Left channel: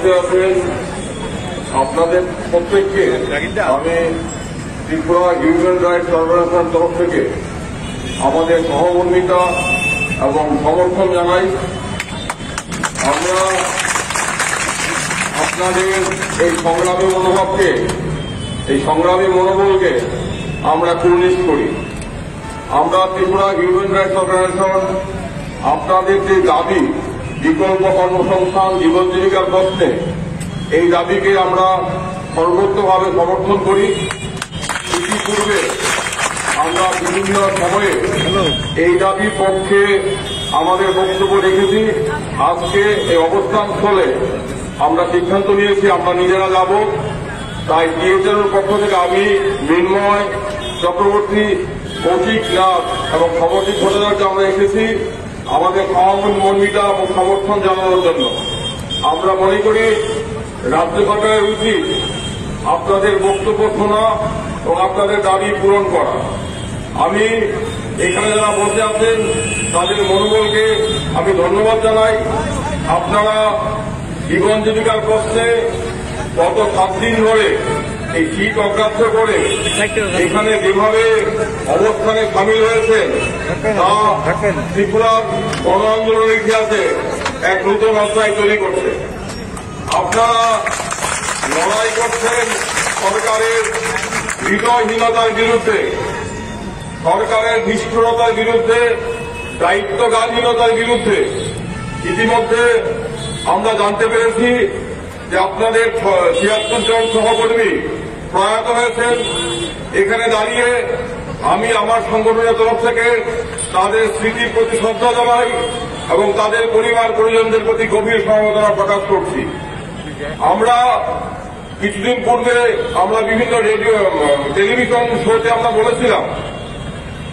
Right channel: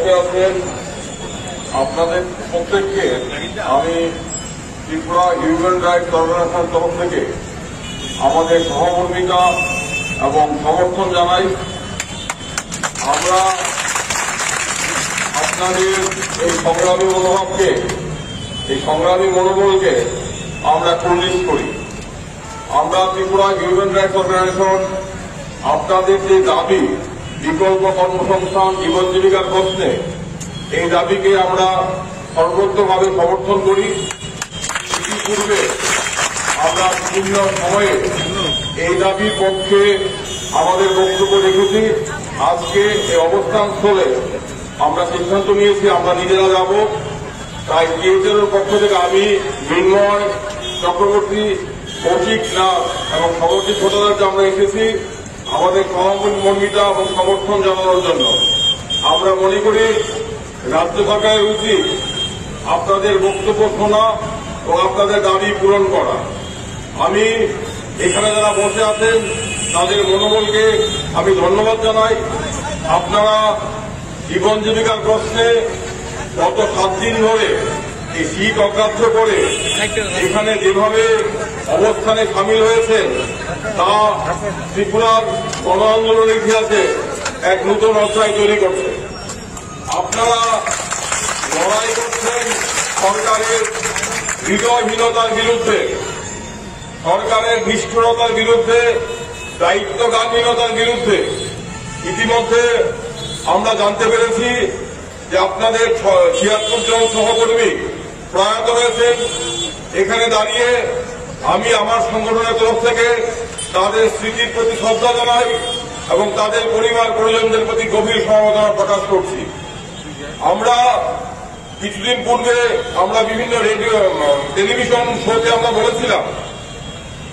বসে আছেন আপনাদের প্রত্যেককে আমি ত্রিপুরা হিউম্যান রাইটস অর্গানাইজেশন তরফ থেকে আমাদের সহমর্মিতা এবং সমর্থন জানাই। আমরা আপনাদের এই সংগ্রামী মনোভাবকে, এই সংগ্রামী মনোবলকে আমরা কুর্নিশ করি। আমরা ত্রিপুরা হিউম্যান রাইটস অর্গানাইজেশন আপনাদের যে দাবি বিকল্প কর্মসংস্থান, জীবন জীবিকার প্রশ্নে, এই দাবিকে আমরা সর্বোচ্চভাবে সমর্থন করি। ইতিপূর্বে আমরা বিভিন্ন সময়ে এই দাবির পক্ষে আমাদের বক্তব্য রেখেছি। আজকে এই অবস্থান স্থলে আমরা সিদ্ধান্ত নিয়েছি আমরা নিজেরা যাব। তাই টিএসএল পক্ষ থেকে আমি মৃন্ময় চক্রবর্তী, কৌশিক নাথ এবং সমর্থিত ভোটারকে আমরা এসেছি আমাদের সহমর্মিতা এবং সমর্থন জানানোর জন্য। আমরা মনে করি রাজ্য সরকারের উচিত আপনাদের বক্তব্য শোনা এবং আপনাদের দাবি পূরণ করা। আমি এখানে যারা বসে আছেন তাদের মনোবলকে আমি ধন্যবাদ জানাই। আপনারা জীবন জীবিকার প্রশ্নে গত 7 দিন ধরে এই শীত অগ্রাহ্য করে এখানে যেভাবে অবস্থানে সামিল হয়েছেন তা ত্রিপুরার গণ আন্দোলনের ইতিহাসে এক নতুন অধ্যায় তৈরি করছে। আপনারা লড়াই করছেন সরকারের হৃদয়হীনতার বিরুদ্ধে, সরকারের নিষ্ঠুরতার বিরুদ্ধে, দায়িত্বজ্ঞানহীনতার বিরুদ্ধে। ইতিমধ্যে আমরা জানতে পেরেছি যে আপনাদের ৭৬ জন সহকর্মী প্রয়াত হয়েছেন। এখানে দাঁড়িয়ে আমি আমার সংগঠনের তরফ থেকে তাদের স্মৃতির প্রতি শ্রদ্ধা জানাই এবং তাদের পরিবার পরিজনদের প্রতি গভীর সমবেদনা প্রকাশ করছি। আমরা কিছুদিন পূর্বে আমরা বিভিন্ন রেডিও টেলিভিশন শোতে আমরা বলেছিলাম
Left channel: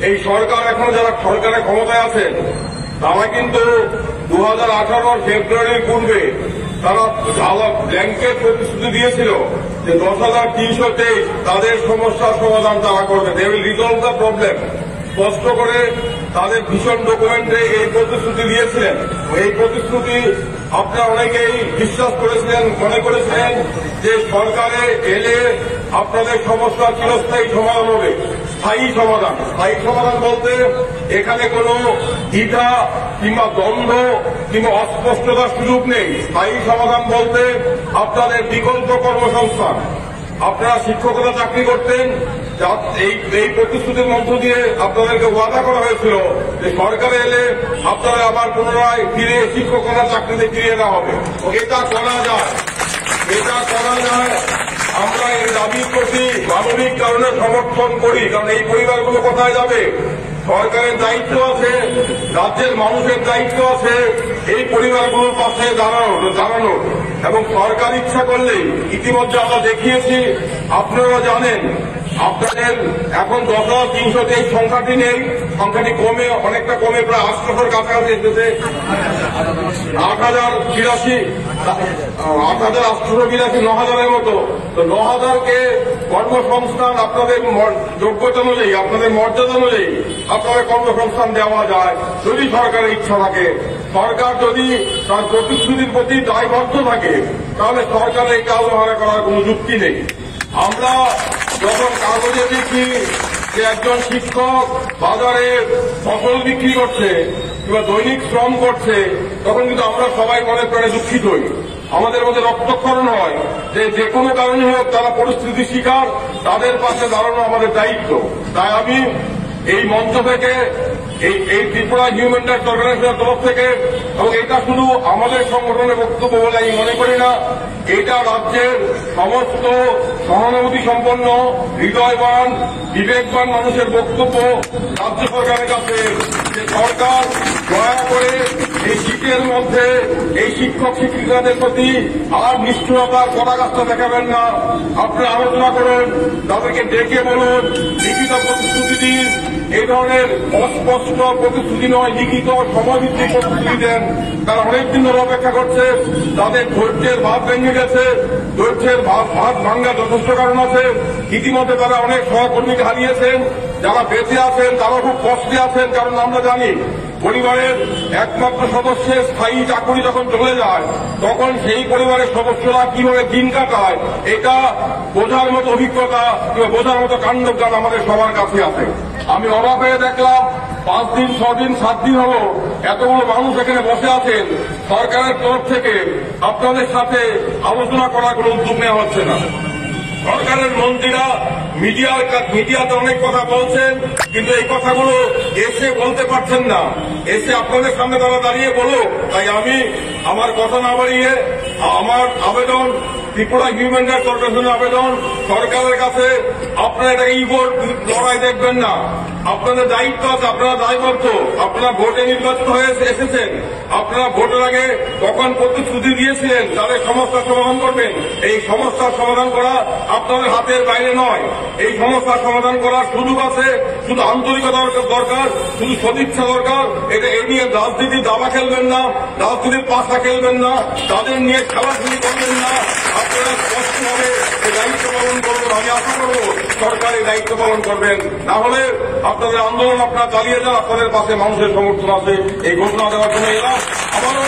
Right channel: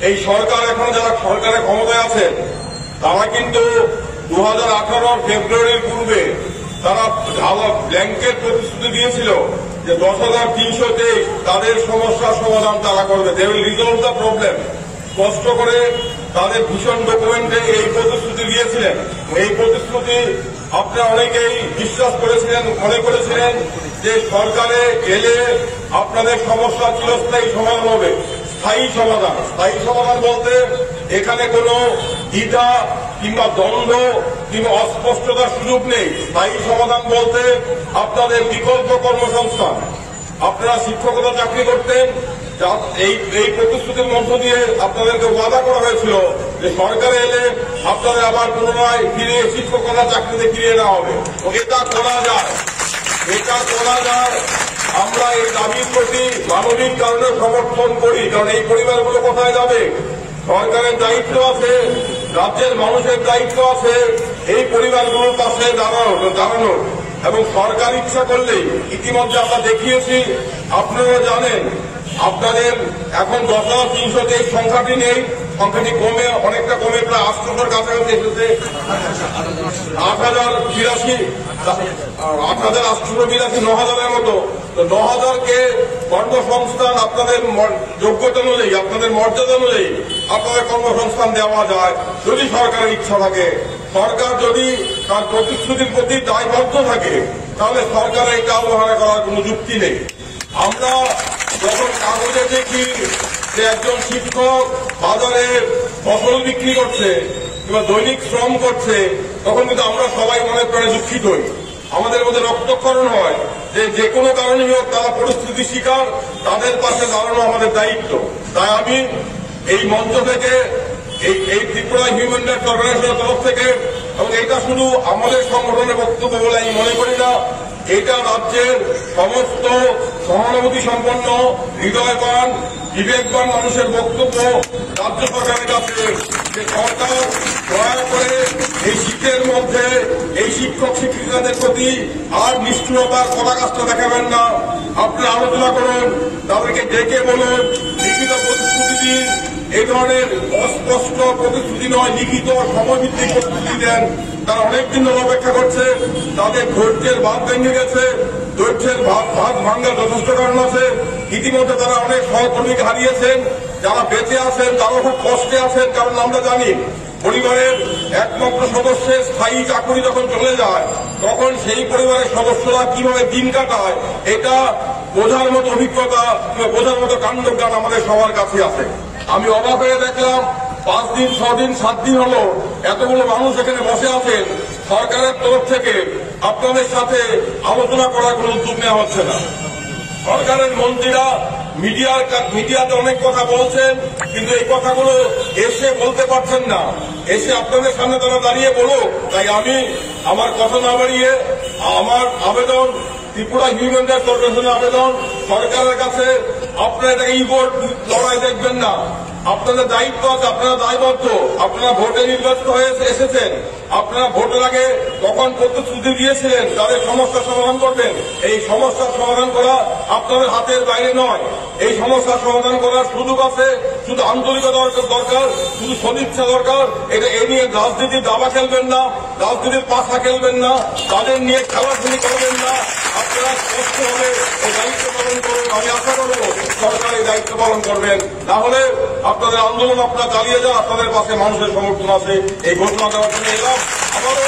এই সরকার এখন যারা সরকারের ক্ষমতায় আছেন তারা কিন্তু 2018 ফেব্রুয়ারির পূর্বে তারা ব্ল্যাঙ্কেট প্রতিশ্রুতি দিয়েছিল যে 10,323 তাদের সমস্যার সমাধান তারা করবে, they will resolve the problem. স্পষ্ট করে তাদের ভীষণ ডকুমেন্টে এই প্রতিশ্রুতি দিয়েছিলেন। এই প্রতিশ্রুতি আপনারা অনেকেই বিশ্বাস করেছিলেন, মনে করেছিলেন যে সরকারে এলে আপনাদের সমস্যা চিরস্থায়ী সমাধান হবে। স্থায়ী সমাধান, স্থায়ী সমাধান বলতে এখানে কোনো দ্বিধা কিংবা দ্বন্দ্ব কিংবা অস্পষ্টতার সুযোগ নেই। স্থায়ী সমাধান বলতে আপনাদের বিকল্প কর্মসংস্থান। আপনারা শিক্ষকতা চাকরি করতেন, এই প্রতিশ্রুতির মধ্য দিয়ে আপনাদেরকে ওয়াদা করা হয়েছিল যে সরকারে এলে আপনারা আবার পুনরায় ফিরে শিক্ষকতা চাকরিতে ফিরিয়ে নেওয়া হবে। এটা করা যায়, এটা করা যায়। আমরা এই দাবির প্রতি মানবিক কারণে সমর্থন করি, কারণ এই পরিবারগুলো কোথায় যাবে? সরকারের দায়িত্ব আছে, রাজ্যের মানুষের দায়িত্ব আছে এই পরিবারগুলোর পাশে দাঁড়ানো এবং সরকার ইচ্ছা করলেই, ইতিমধ্যে আমরা দেখিয়েছি, আপনারা জানেন আপনাদের এখন 10,323 সংখ্যাটি নেই, সংখ্যাটি কমে অনেকটা কমে প্রায় 800-এর কাছাকাছি এসেছে। 8,882 9,000-এর মতো। তো 9,000-কে কর্মসংস্থান আপনাদের যোগ্যতা অনুযায়ী, আপনাদের মর্যাদা অনুযায়ী আপনাদের কর্মসংস্থান দেওয়া যায় যদি সরকারের ইচ্ছা থাকে। সরকার যদি তার প্রতিশ্রুতির প্রতি দায়বদ্ধ থাকে তাহলে সরকারের এটা অবহেলা করার কোনো যুক্তি নেই। আমরা যখন কাগজে দেখি যে একজন শিক্ষক বাজারে ফসল বিক্রি করছে কিংবা দৈনিক শ্রম করছে, তখন কিন্তু আমরা সবাই মনে প্রাণে দুঃখিত হই। আমাদের মধ্যে রক্তক্ষরণ হয় যে কোনো কারণে হোক তারা পরিস্থিতি শিকার, তাদের পাশে দাঁড়ানো আমাদের দায়িত্ব। তাই আমি এই মঞ্চ থেকে এই ত্রিপুরা হিউম্যান রাইটস অর্গানাইজেশনের তরফ থেকে, এবং এটা শুধু আমাদের সংগঠনের বক্তব্য বলে আমি মনে করি না, এটা রাজ্যের সমস্ত সহানুভূতি সম্পন্ন, হৃদয়বান, বিবেকবান মানুষের বক্তব্য রাজ্য সরকারের কাছে যে সরকার দয়া করে এই শীতের মধ্যে এই শিক্ষক শিক্ষিকাদের প্রতি আর নিষ্ঠুরতার পরাকাষ্ঠা দেখাবেন না। আপনারা আলোচনা করুন, তাদেরকে ডেকে বলুন, লিখিত প্রতিশ্রুতি দিন। এই ধরনের অস্পষ্ট প্রতিশ্রুতি নয়, লিখিত সময়ভিত্তিক প্রতিশ্রুতি দেন। তারা অনেকদিন অপেক্ষা করছে, তাদের ধৈর্যের বাঁধ ভেঙে গেছে, ধৈর্যের বাঁধ ভাঙ্গার যথেষ্ট কারণ আছে। ইতিমধ্যে তারা অনেক সহকর্মীকে হারিয়েছেন, যারা বেঁচে আছেন তারা খুব কষ্টে আছেন, কারণ আমরা জানি পরিবারের একমাত্র সদস্যের স্থায়ী চাকরি যখন চলে যায় তখন সেই পরিবারের সদস্যরা কিভাবে দিন কাটায় এটা বোঝার মতো অভিজ্ঞতা কিংবা বোঝার মতো কাণ্ডজ্ঞান আমাদের সবার কাছে আছে। আমি অবাক হয়ে দেখলাম 5 দিন 6 দিন 7 দিন হলো এতগুলো মানুষ এখানে বসে আছেন, সরকারের তরফ থেকে আপনাদের সাথে আলোচনা করার কোনো উদ্যোগ নেওয়া হচ্ছে না। সরকারের মন্ত্রীরা মিডিয়াতে অনেক কথা বলছেন, কিন্তু এই কথাগুলো এসে বলতে পারছেন না, এসে আপনাদের সামনে তারা দাঁড়িয়ে বলুক। তাই আমি আমার কথা না বাড়িয়ে আমার আবেদন, ত্রিপুরা হিউম্যান রাইটস কর্পোরেশনের আবেদন সরকারের কাছে, আপনারা এটা ইগোর লড়াই দেখবেন না। আপনাদের দায়িত্ব আছে, আপনারা দায়বদ্ধ, আপনারা ভোটে নির্বাচিত হয়ে এসেছেন, আপনারা ভোটের আগে তখন প্রতিশ্রুতি দিয়েছিলেন তাদের সমস্যার সমাধান করবেন। এই সমস্যার সমাধান করা আপনাদের হাতের বাইরে নয়। এই সমস্যার সমাধান করার সুযোগ আছে, শুধু আন্তরিকতা দরকার, শুধু সদিচ্ছা দরকার। এটা এই নিয়ে রাজনীতির দাবা খেলবেন না, রাজনীতির পাশা খেলবেন না, তাদের নিয়ে খেলাধুলি করবেন না। আপনারা স্পষ্টভাবে এই দায়িত্ব পালন করবেন। আমি আশা করব সরকার এই দায়িত্ব পালন করবেন। না হলে আপনাদের আন্দোলন আপনারা চালিয়ে যান, আপনাদের পাশে মানুষের সমর্থন আছে। এই ঘোষণা দেওয়ার জন্য এলাম। আবারও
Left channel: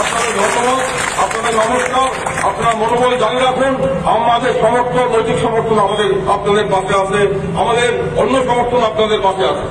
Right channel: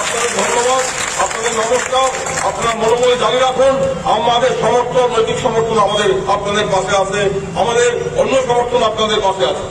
আপনাদের ধন্যবাদ, আপনাদের নমস্কার। আপনার মনোবল জারি রাখুন। আমাদের সমর্থন, নৈতিক সমর্থন আমাদের আপনাদের পাশে আছে, আমাদের অন্য সমর্থন আপনাদের পাশে আছে।